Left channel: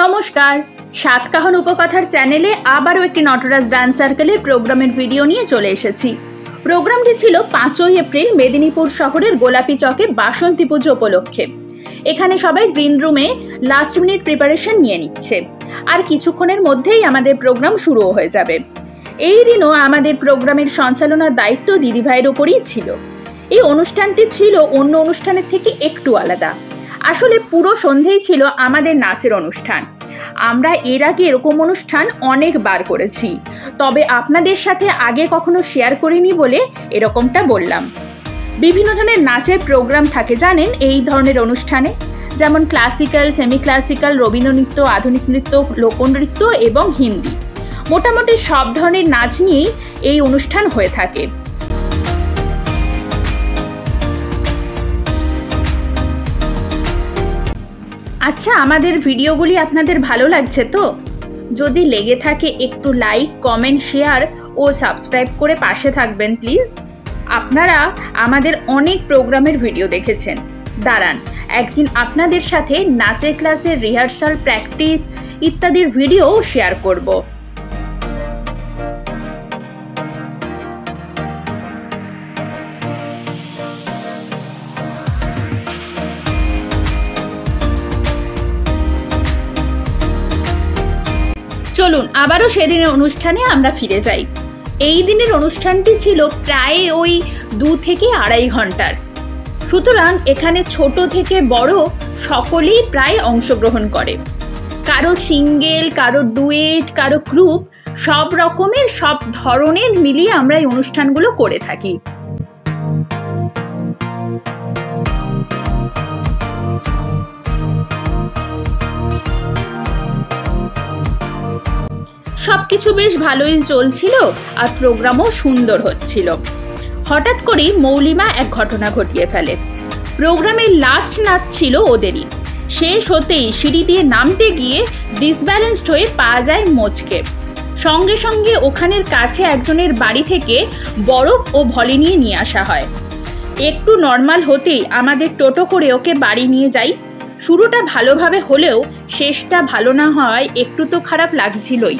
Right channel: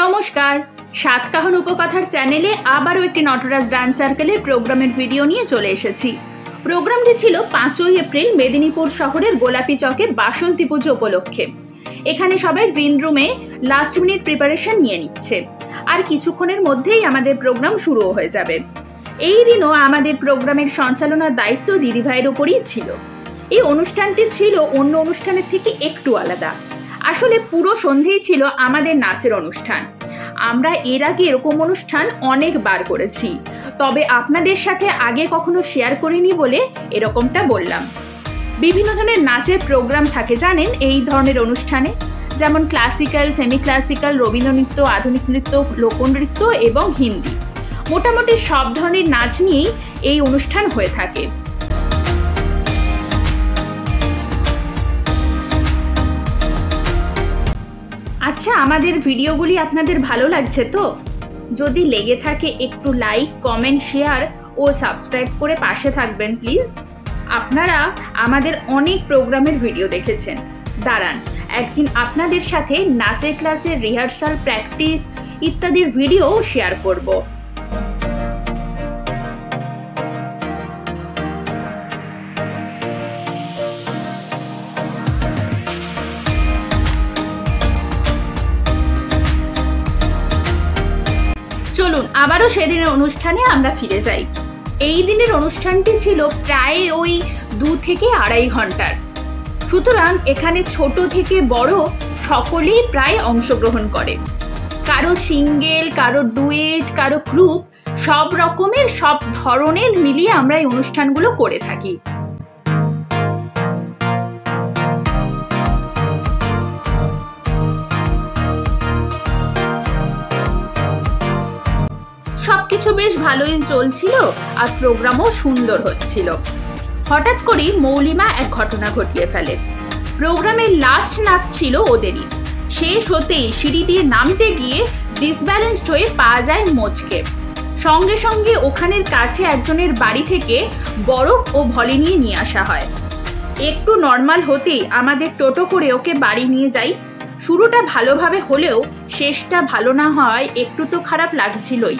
নমস্কার, সাতকাহন উপকথার চ্যানেলে আবারও একটি নটরাজ ডান্স সার্কেলের প্রোগ্রামের ভিডিও নিয়ে চলে এসেছি। প্রোগ্রামটি ছিল 5ই এপ্রিল মেদিনীপুর শহরের গোলাপি চকে বাসন্তী পুজো উপলক্ষে। এখানে সবাই গ্রিন রুমে লাস্ট মিনিট প্রিপারেশন নিয়ে নিচ্ছে, আর কিছুক্ষণের মধ্যেই আমাদের প্রোগ্রাম শুরু হয়ে যাবে। এই দিনও আমাদের প্রোগ্রামের সঞ্চালনার দায়িত্ব দিদিভাইয়ের ওপরই ছিল। এই অনুষ্ঠানটি ছিল অন্য অনুষ্ঠানের থেকে একটু আলাদা। আসলে পুরো সন্ধেই ছিল আমাদের নাচের অনুষ্ঠান। আমরা এর আগে এরকম অনুষ্ঠান অনেকবার করেছি, তবে আপনাদের সাথে আগে কখনো শেয়ার করিনি বলে এরকমটা বললাম। বিভিন্ন ধরনের নাচের প্রোগ্রাম থাকে জানেন এই ধরনের অনুষ্ঠানে, যেমন ক্লাসিক্যাল, সেমি ক্লাসিক্যাল, রবীন্দ্রনৃত্য, আধুনিক নৃত্য, লোকনৃত্য এবং হিন্দি। মোটামুটি সব ধরনের নাচ নিয়েই এই অনুষ্ঠান হয়ে থাকে। আচ্ছা, আমাদের ভিডিওগুলি আপনাদের ভালো লাগছে তো? যদি লেগে থাকে একটু লাইক, কমেন্ট, শেয়ার ও সাবস্ক্রাইব করে পাশে থাকবেন প্লিজ। আপনারা আমাদের অনেক প্রোগ্রামের ভিডিও দেখেছেন, দাঁড়ান একদিন আপনাদের সাথে নাচের ক্লাসের রিহার্সাল, প্র্যাকটিস ইত্যাদির ভিডিও শেয়ার করব। চলুন আবারও সেদিনের অনুষ্ঠানে আমরা ফিরে যাই। এই দিনের অনুষ্ঠানটি ছিল প্রায় ওই 2 থেকে আড়াই ঘন্টার। সুতরাং এখানে ছোট থেকে বড় সকলেই প্রায় অংশগ্রহণ করে। কারো সিঙ্গেল, কারো ডুয়েট, কারো গ্রুপ, সব রকমের সব ধরনের মিলিয়ে আমরা এই অনুষ্ঠানগুলো করে থাকি। সবকিছু বেশ ভালোই চলছিল আর প্রোগ্রামও সুন্দর হচ্ছিল। হঠাৎ করেই মৌলিমা এক ঘটনা ঘটিয়ে ফেলে। প্রোগ্রামের লাস্ট নাচ ছিল ওদেরই। শেষ হতেই সিঁড়ি দিয়ে নামতে গিয়ে ডিসব্যালেন্সড হয়ে পা যায় মোচকে। সঙ্গে সঙ্গে ওখানের কাছে একজনের বাড়ি থেকে বরফ ও ভলি নিয়ে আসা হয়। একটু নর্মাল হতেই আমাদের টোটো করে ওকে বাড়ি নিয়ে যাই। শুরুটা ভালোভাবে হলেও শেষটা ভালো না হওয়ায় একটু তো খারাপ লাগছিলই।